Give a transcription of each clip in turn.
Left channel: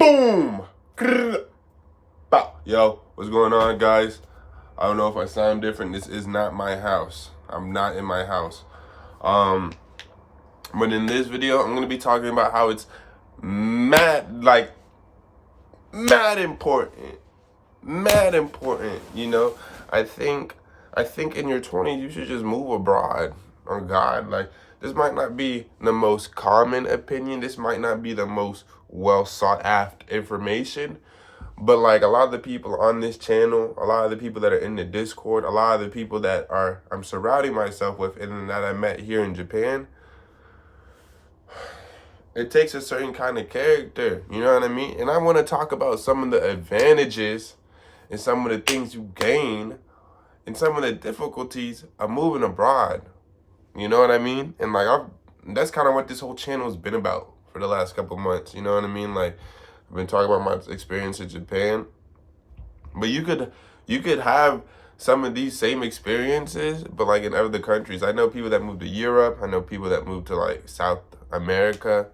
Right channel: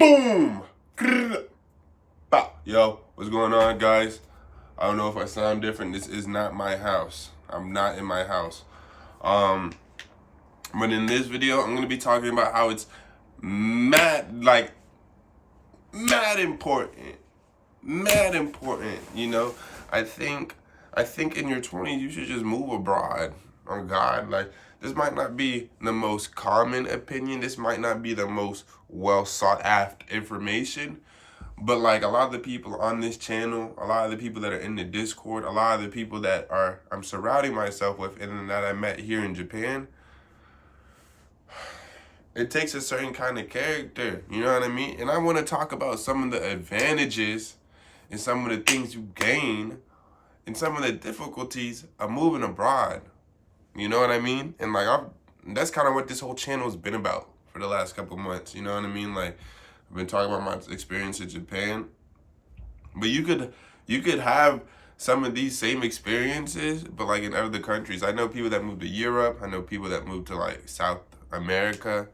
Boom! Grrr. Bow. Yo, what's going on, guys? I don't know if I sound different. This is not my house. I'm not in my house. Um, but in this video, I'm gonna be talking about how it's mad important. Mad important. You know, I think in your 20s you should just move abroad. On God, like this might not be the most common opinion. This might not be the most well sought after information. But like a lot of the people on this channel, a lot of the people that are in the Discord, a lot of the people that I'm surrounding myself with and that I met here in Japan, it takes a certain kind of character, you know what I mean? And I want to talk about some of the advantages and some of the things you gain and some of the difficulties of moving abroad. You know what I mean? And like that's kind of what this whole channel has been about for the last couple months. You know what I mean? Like I've been talking about my experience in Japan, but you could have some of these same experiences, but like in other countries. I know people that moved to Europe. I know people that moved to like South America.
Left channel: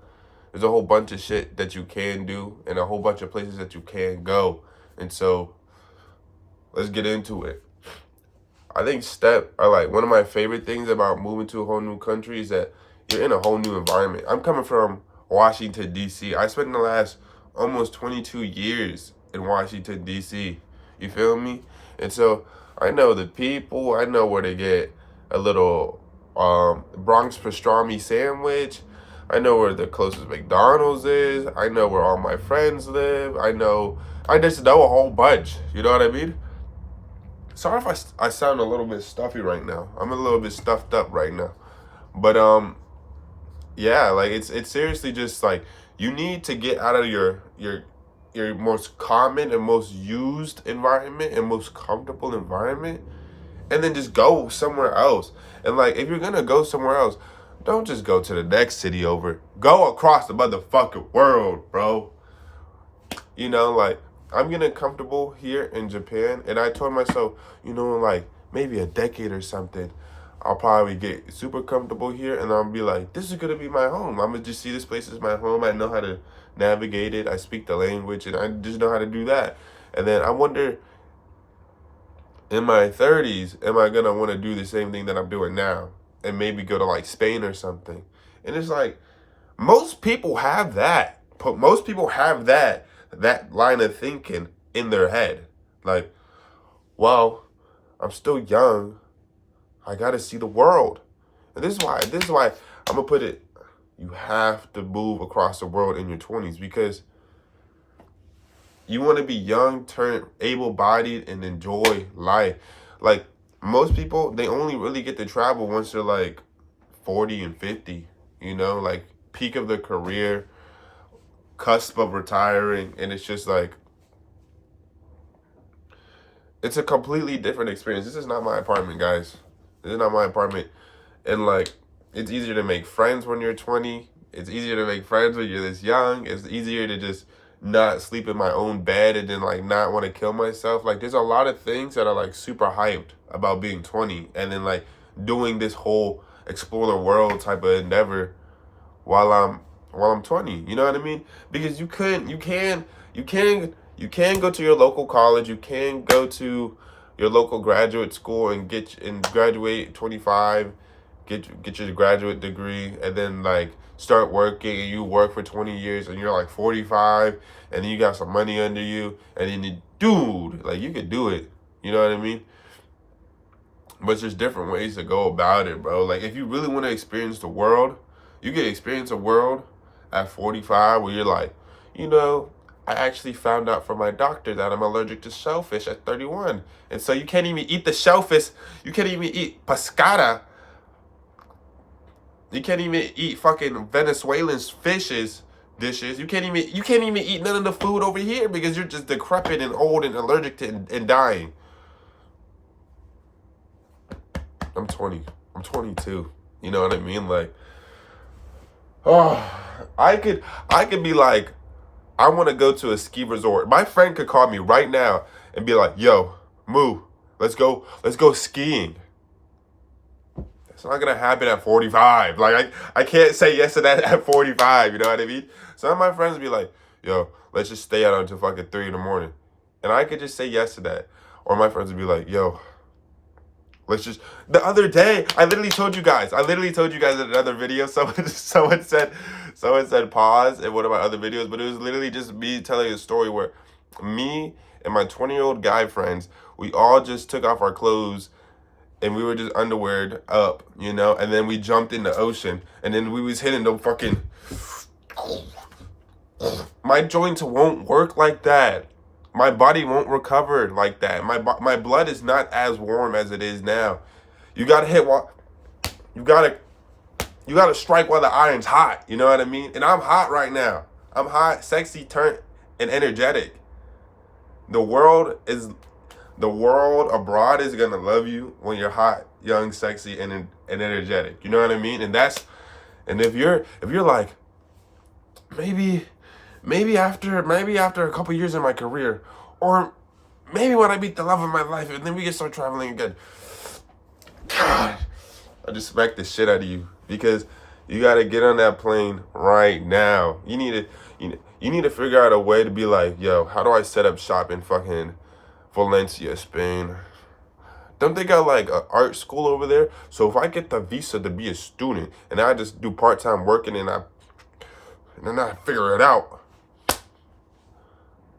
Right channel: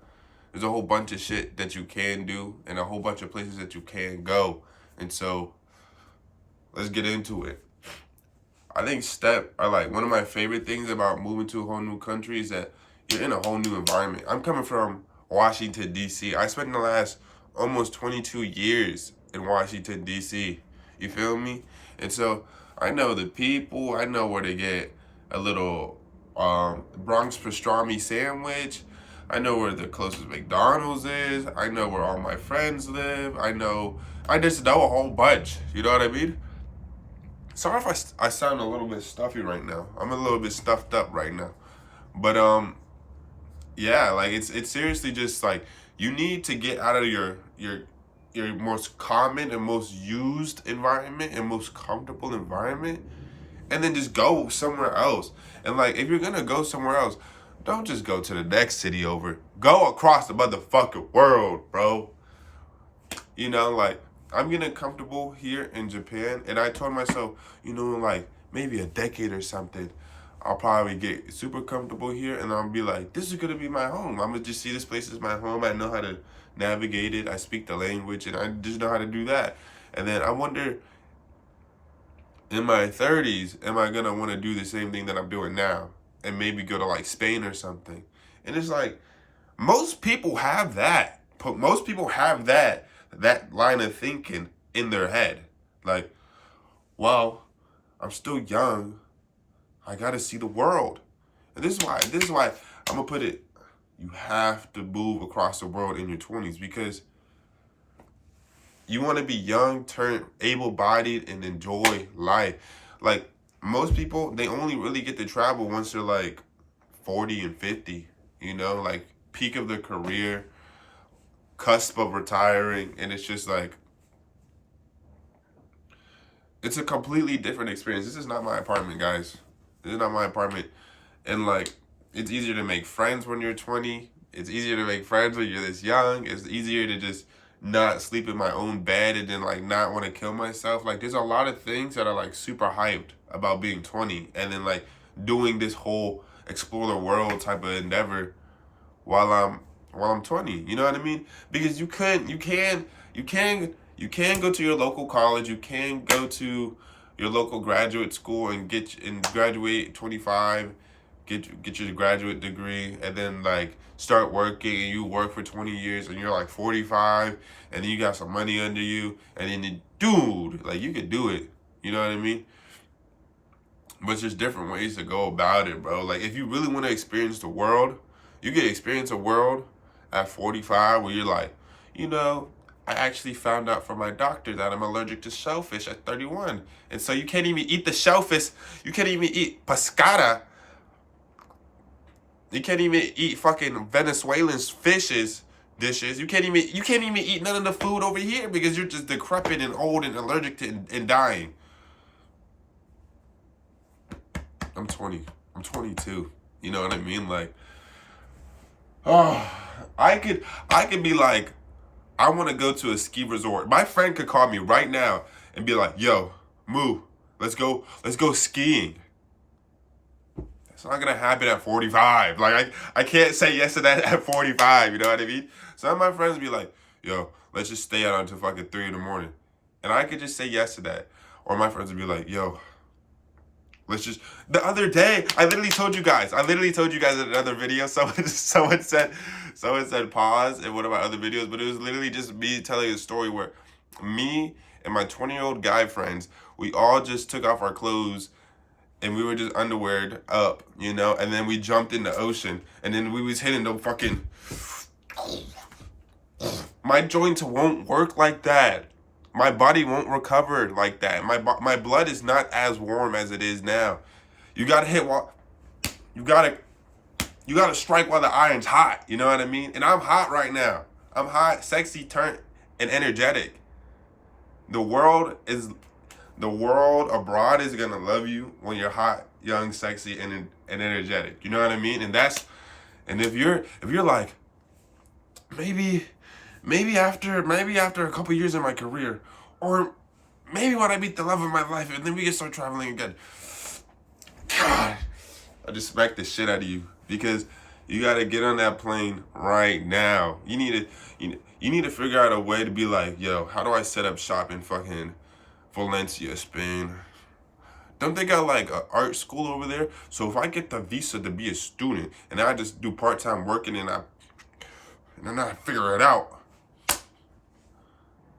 There's a whole bunch of shit that you can do and a whole bunch of places that you can go. And so let's get into it. I think one of my favorite things about moving to a whole new country is that you're in a whole new environment. I'm coming from Washington, D.C. I spent the last almost 22 years in Washington, D.C. You feel me? And so I know the people. I know where to get a little Bronx pastrami sandwich. I know where the closest McDonald's is. I know where all my friends live. I just know a whole bunch. You know what I mean? Sorry if I sound a little bit stuffy right now. I'm a little bit stuffed up right now. But yeah, like it's seriously just like you need to get out of your most common and most used environment and most comfortable environment and then just go somewhere else. And like if you're gonna go somewhere else, don't just go to the next city over. Go across the motherfucking world, bro. You know, like I'm getting comfortable here in Japan, and I told myself, you know, like maybe a decade or something, I'll probably get super comfortable here, and I'll be like, this is gonna be my home. I'm gonna just see this place as my home. I know how to navigate it. I speak the language, and I just know how to do that. And then I wonder, in my 30s, am I gonna want to do the same thing that I'm doing now, and maybe go to like Spain or something? And it's like most people have that. Most people have that line of thinking in their head. Like, well, I'm still young. I gotta see the world. And this is why I'm gonna put it, you have to move across the world in your 20s because you wanna be young, turn able-bodied, and enjoy life. Like, most people, they only really get to travel once they're like 40 and 50, you know, like peak of their career, cusp of retiring, and it's just like it's a completely different experience. This is not my apartment, guys. This is not my apartment. And like it's easier to make friends when you're 20. It's easier to make friends when you're this young. It's easier to just not sleep in my own bed and then like not want to kill myself. Like there's a lot of things that are like super hyped about being 20 and then like doing this whole explore the world type of endeavor while I'm 20. You know what I mean? Because you can go to your local college, you can go to your local graduate school and graduate 25, get your graduate degree, and then like start working, and you work for 20 years and you're like 45 and then you got some money under you and then dude, like you could do it. You know what I mean? But there's different ways to go about it, bro. Like if you really want to experience the world, you can experience a world at 45 where you're like, you know, I actually found out from my doctor that I'm allergic to shellfish at 31. And so you can't even eat the shellfish. You can't even eat pescada. You can't even eat fucking Venezuelan dishes. You can't even eat none of the food over here because you're just decrepit and old and allergic to and dying. I'm 20. I'm 22. You know what I mean? Like, oh, I could be like, I want to go to a ski resort. My friend could call me right now and be like, yo, Moo, let's go skiing. It's not gonna happen at 45. Like I can't say yes to that at 45, you know what I mean? Some of my friends be like, yo, let's just stay out until fucking 3 in the morning. And I could just say yes to that. Or my friends would be like, yo, let's just, the other day, I literally told you guys in another video, someone said pause in one of my other videos, but it was literally just me telling a story where me and my 20-year-old guy friends, we all just took off our clothes and we were just underweared up, you know, and then we jumped in the ocean, and then we was hitting the fucking, my joints won't work like that. My body won't recover like that. My blood is not as warm as it is now. You gotta hit while, you gotta strike while the iron's hot. You know what I mean? And I'm hot right now. I'm hot, sexy, turned, and energetic. The world abroad is gonna love you when you're hot, young, sexy, and energetic. You know what I mean? And if you're like, maybe after a couple years in my career, or maybe when I meet the love of my life, and then we can start traveling again. God, I just smack the shit out of you, because you gotta get on that plane right now. You need to figure out a way to be like, yo, how do I set up shop in fucking Valencia, Spain? Don't they got like an art school over there? So if I get the visa to be a student, and I just do part-time working, and then I figure it out.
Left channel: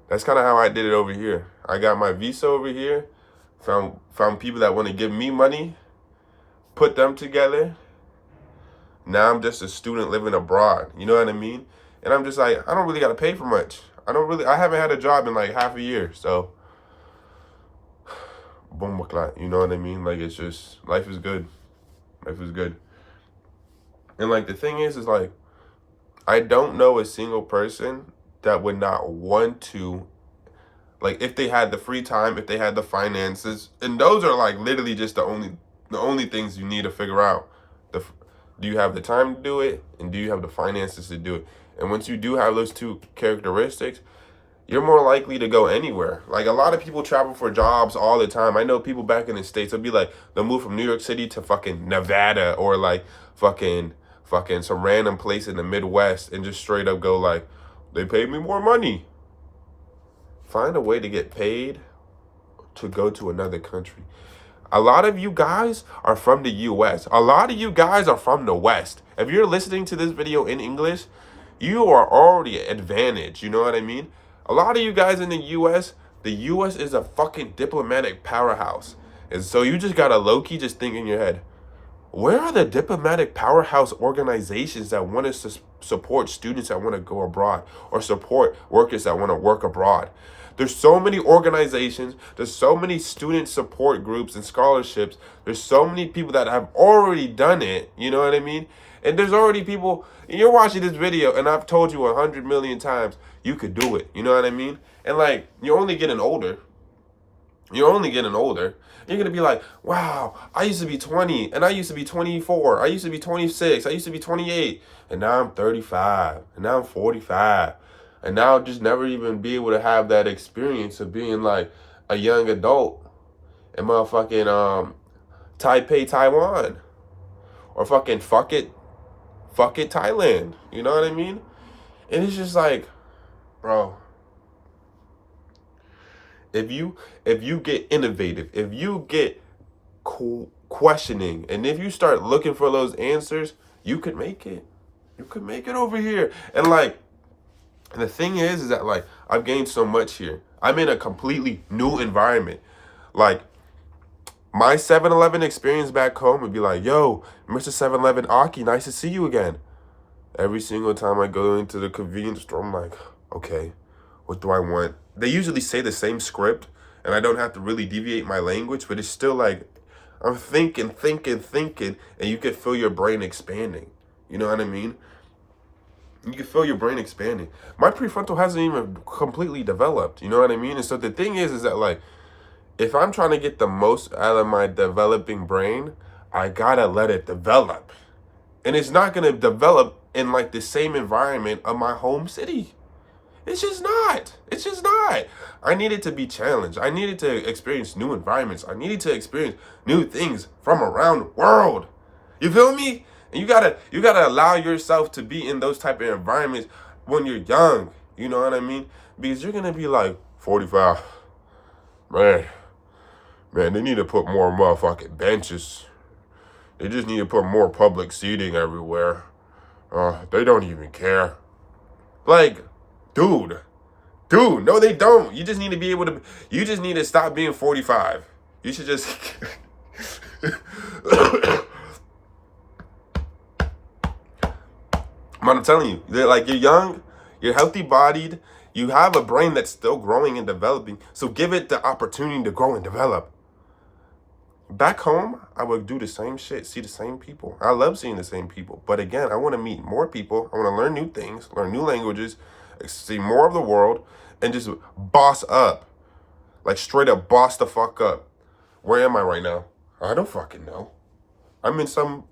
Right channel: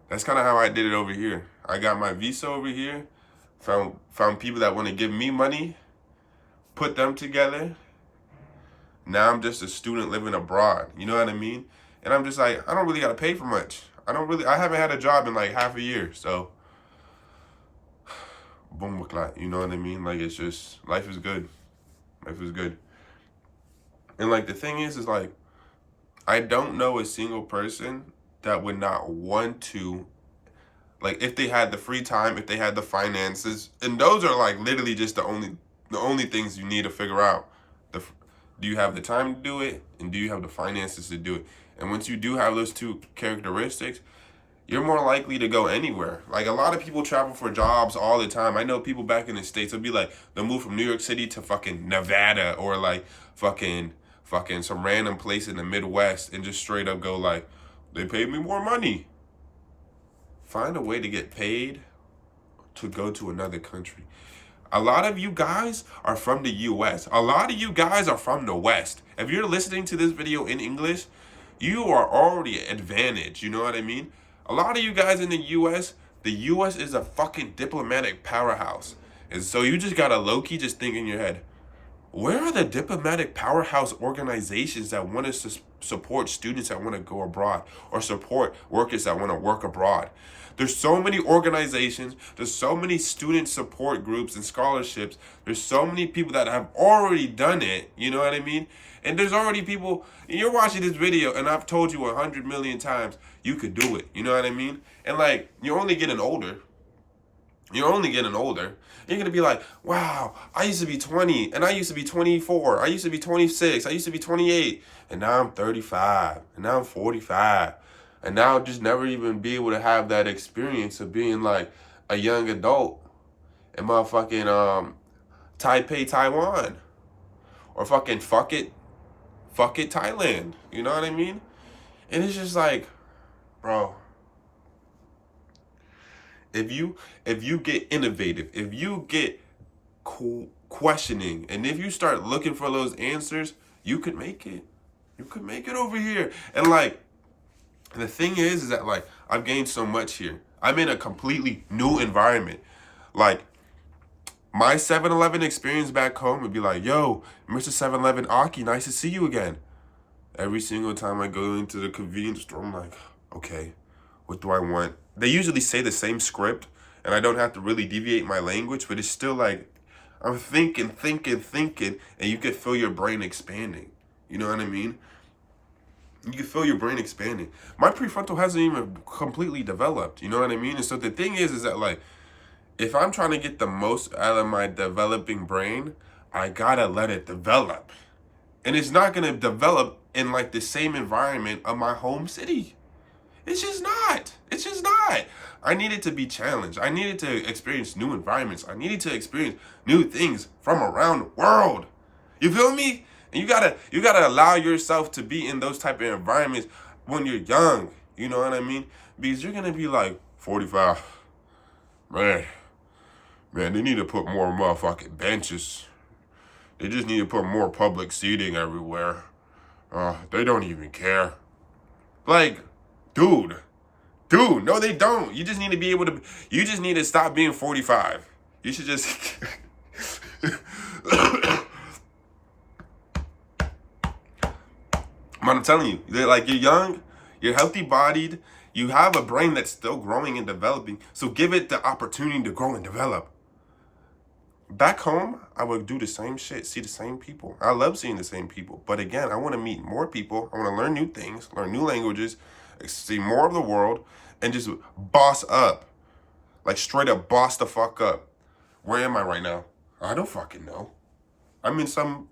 That's kind of how I did it over here. I got my visa over here, found people that want to give me money, put them together. Now I'm just a student living abroad. You know what I mean? And I'm just like, I don't really got to pay for much. I haven't had a job in like half a year. So, boom, you know what I mean? Like, it's just, life is good. Life is good. And like, the thing is like, I don't know a single person that would not want to, like, if they had the free time, if they had the finances, and those are like literally just the only things you need to figure out. Do you have the time to do it, and do you have the finances to do it? And once you do have those two characteristics, you're more likely to go anywhere. Like, a lot of people travel for jobs all the time. I know people back in the States, they'll be like, they'll move from New York City to fucking Nevada, or like fucking some random place in the Midwest, and just straight up go like, they paid me more money. Find a way to get paid to go to another country. A lot of you guys are from the US. A lot of you guys are from the West. If you're listening to this video in English, you are already advantaged. You know what I mean? A lot of you guys in the US is a fucking diplomatic powerhouse. And so you just gotta low-key just think in your head, where are the diplomatic powerhouse organizations that want to support students that want to go abroad, or support workers that want to work abroad? There's so many organizations, there's so many student support groups and scholarships, there's so many people that have already done it, you know what I mean? And there's already people, and you're watching this video, and I've told you 100 million times, you could do it, you know what I mean? And like, you're only getting older. You're going to be like, wow, I used to be 20, and I used to be 24, I used to be 26, I used to be 28, and now I'm 35, and now I'm 45, and now I'll just never even be able to have that experience of being like a young adult in motherfucking Taipei, Taiwan, or fucking fuck it, Thailand, you know what I mean? And it's just like, bro, if you get innovative, if you get questioning, and if you start looking for those answers, you could make it. You could make it over here. And like, the thing is that like, I've gained so much here. I'm in a completely new environment. Like, my 7-Eleven experience back home would be like, yo, Mr. 7-Eleven Aki, nice to see you again. Every single time I go into the convenience store, I'm like, okay, what do I want? They usually say the same script, and I don't have to really deviate my language, but it's still like, I'm thinking, and you could feel your brain expanding. You know what I mean? You can feel your brain expanding. My prefrontal hasn't even completely developed. You know what I mean? And so the thing is that like, if I'm trying to get the most out of my developing brain, I gotta let it develop. And it's not gonna develop in like the same environment of my home city. It's just not. I needed to be challenged. I needed to experience new environments. I needed to experience new things from around the world. You feel me? And you gotta allow yourself to be in those type of environments when you're young. You know what I mean? Because you're gonna be like 45. Man, they need to put more motherfucking benches. They just need to put more public seating everywhere. They don't even care. Like, dude, no, they don't. You just need to be able to. You just need to stop being 45. You should just. I'm telling you, like, you're young, you're healthy bodied, you have a brain that's still growing and developing. So give it the opportunity to grow and develop. Back home, I would do the same shit, see the same people. I love seeing the same people. But again, I want to meet more people. I want to learn new things, learn new languages, see more of the world, and just boss up. Like, straight up boss the fuck up. Where am I right now? I don't fucking know. I'm in some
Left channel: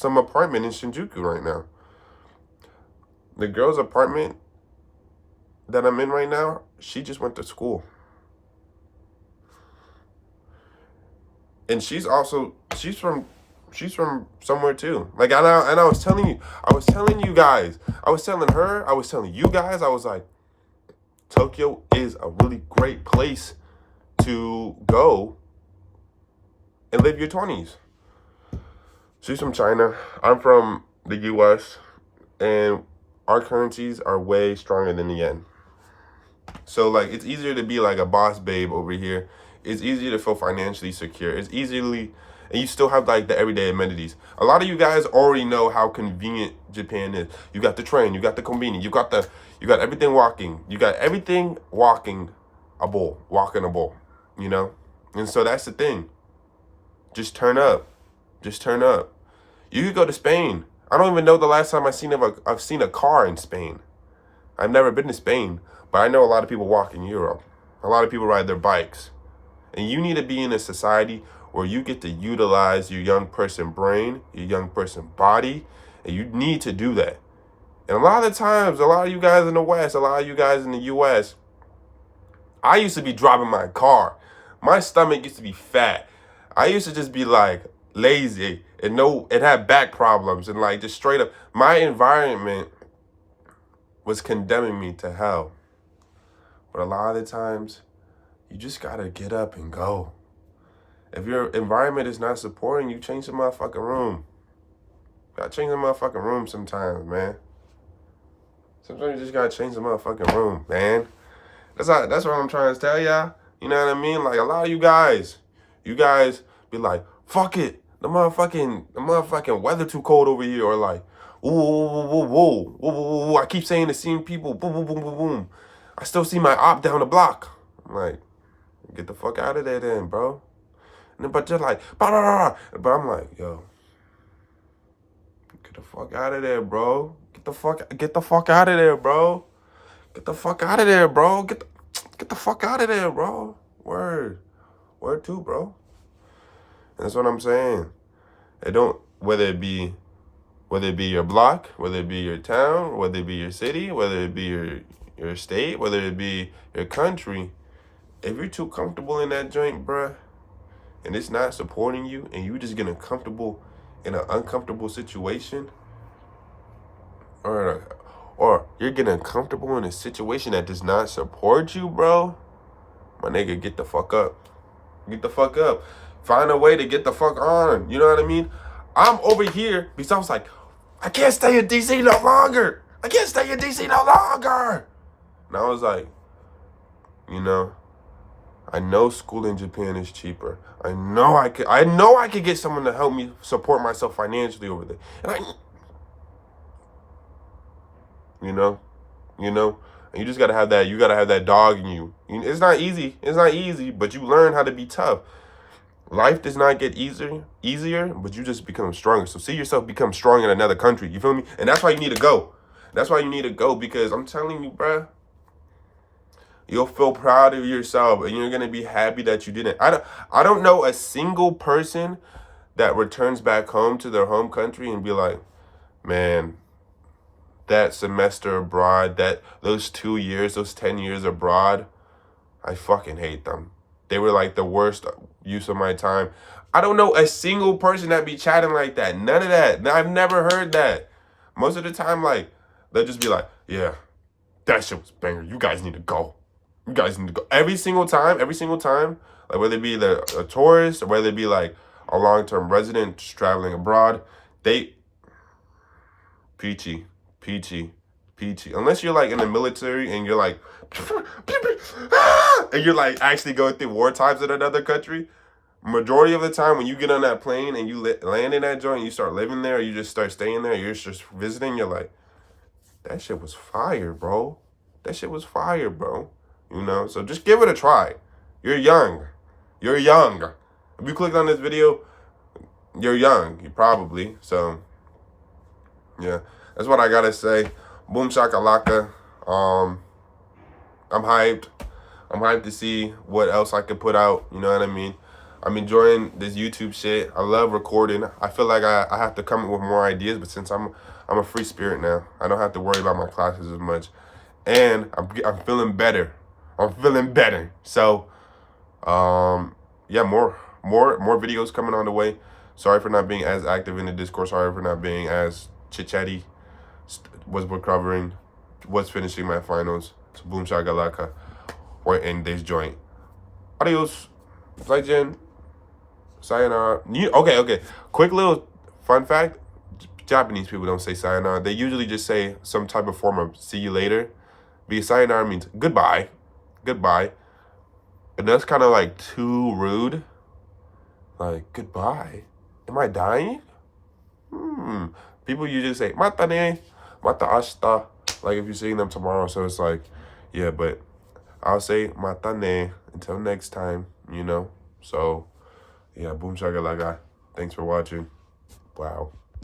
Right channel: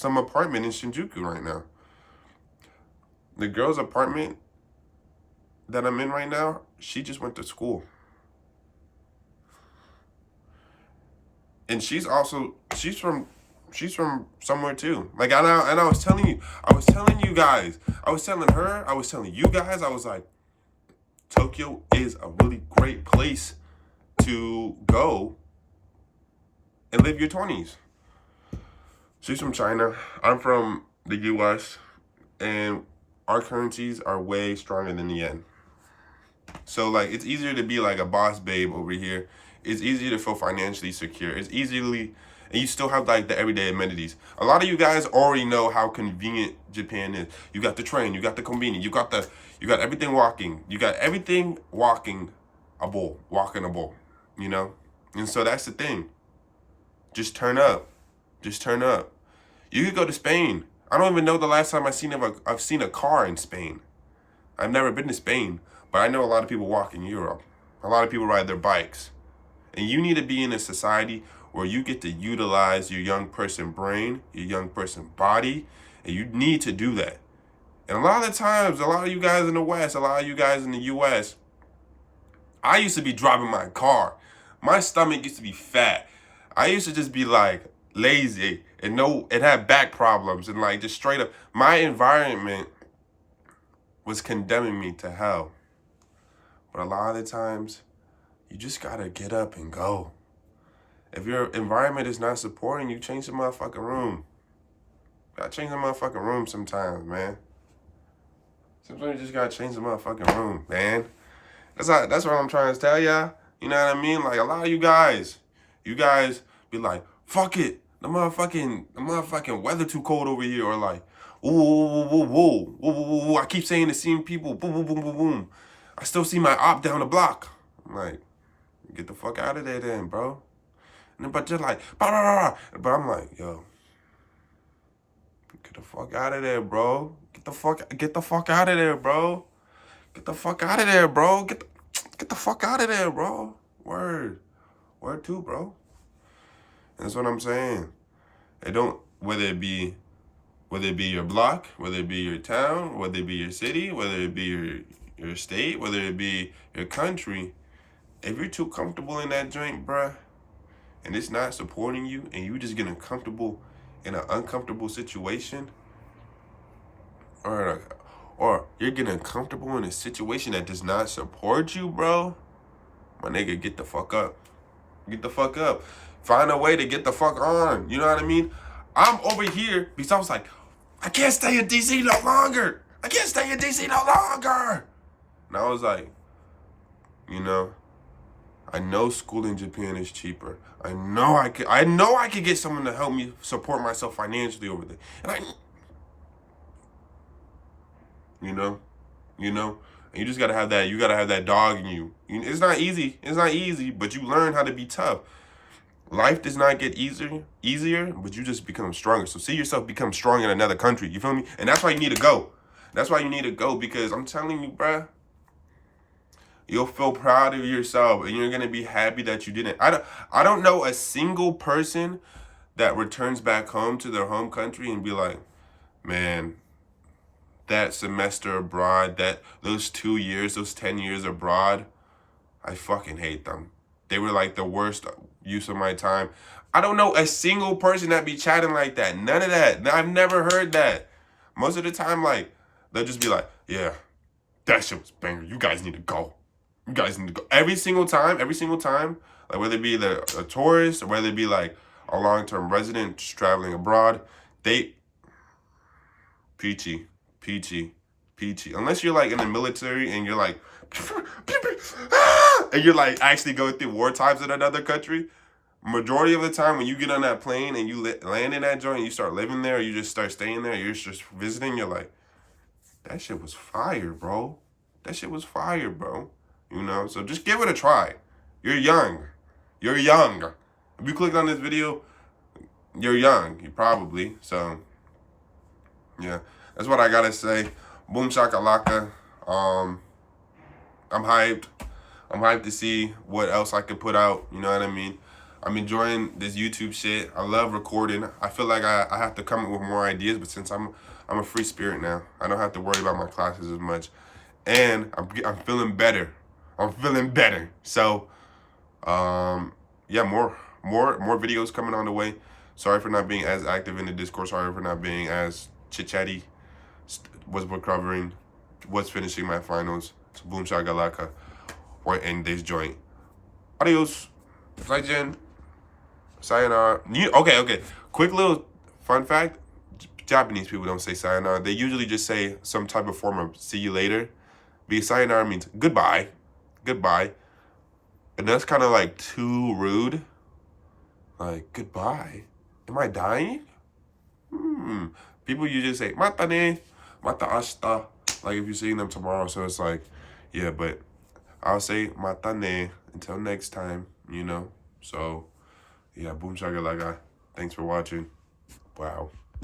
apartment in Shinjuku right now. The girl's apartment that I'm in right now, she just went to school. And she's from somewhere too. Like, I was telling you guys, I was telling her, I was telling you guys, I was like, Tokyo is a really great place to go and live your 20s. She's from China. I'm from the US, and our currencies are way stronger than the yen. So, like, it's easier to be like a boss babe over here. It's easier to feel financially secure. It's easily, and you still have like the everyday amenities. A lot of you guys already know how convenient Japan is. You got the train, you got the convenience, you got everything walking. You got everything walking a bowl, you know? And so that's the thing. Just turn up. You could go to Spain. I don't even know the last time I've seen a car in Spain. I've never been to Spain, but I know a lot of people walk in Europe. A lot of people ride their bikes. And you need to be in a society where you get to utilize your young person brain, your young person body, and you need to do that. And a lot of the times, a lot of you guys in the West, a lot of you guys in the US, I used to be driving my car. My stomach used to be fat. I used to just be like lazy and had back problems and like just straight up. My environment was condemning me to hell. But a lot of the times, you just gotta get up and go. If your environment is not supporting you, change the motherfucking room. Gotta change the motherfucking room sometimes, man. Sometimes you just gotta change the motherfucking room, man. That's what I'm trying to tell y'all. You know what I mean? Like, a lot of you guys be like, fuck it. The motherfucking weather too cold over here. Or like, whoa. I keep saying the same people. Boom. I still see my op down the block. I'm like, get the fuck out of there then, bro. But just like, but I'm like, yo, get the fuck out of there, bro. Get the fuck out of there, bro. Get the fuck out of there, bro. Get the fuck out of there, bro. Word too, bro. And that's what I'm saying. Whether it be your block, whether it be your town, whether it be your city, whether it be your state, whether it be your country, if you're too comfortable in that joint, bruh, and it's not supporting you, and you just getting comfortable in an uncomfortable situation, or you're getting comfortable in a situation that does not support you, bro, my nigga, get the fuck up. Get the fuck up. Find a way to get the fuck on. You know what I mean? I'm over here because I was like, I can't stay in DC no longer. And I was like, you know, I know school in Japan is cheaper. I know I could get someone to help me support myself financially over there. And you know, and you just gotta have that. You gotta have that dog in you. It's not easy, but you learn how to be tough. Life does not get easier, but you just become stronger. So see yourself become strong in another country. You feel me? And that's why you need to go. Because I'm telling you, bruh, you'll feel proud of yourself, and you're gonna be happy that you didn't. I don't know a single person that returns back home to their home country and be like, man, that semester abroad, those 2 years, those 10 years abroad, I fucking hate them. They were like the worst use of my time. I don't know a single person that be chatting like that. None of that. I've never heard that. Most of the time, like, they'll just be like, yeah, That shit was banger. You guys need to go. You guys need to go. Every single time, like whether it be a tourist or whether it be like a long-term resident just traveling abroad, they peachy, peachy, peachy. Unless you're like in the military and you're like, and you're like actually going through war times in another country. Majority of the time when you get on that plane and you land in that joint and you start living there or you just start staying there, you're just visiting, you're like, that shit was fire, bro. That shit was fire, bro. You know, so just give it a try. You're young. You're young. If you clicked on this video, you're young. You probably. So, yeah. That's what I gotta say. Boom shakalaka. I'm hyped. I'm hyped to see what else I could put out. You know what I mean? I'm enjoying this YouTube shit. I love recording. I feel like I have to come up with more ideas, but since I'm a free spirit now, I don't have to worry about my classes as much. And I'm feeling better. I'm feeling better. So, yeah, more videos coming on the way. Sorry for not being as active in the Discord. Sorry for not being as chit-chatty. We're covering. Was finishing my finals. So boom shakalaka. We're in this joint. Adios. Zaijian. Sayonara. Okay. Quick little fun fact. Japanese people don't say sayonara. They usually just say some type of form of see you later. Because sayonara means goodbye. Goodbye. And that's kind of like too rude. Like, goodbye? Am I dying? People usually say, mata ne, mata ashita. Like if you're seeing them tomorrow. So it's like, yeah, but I'll say mata ne until next time, you know? So, yeah, boom shakalaka. Thanks for watching. Wow.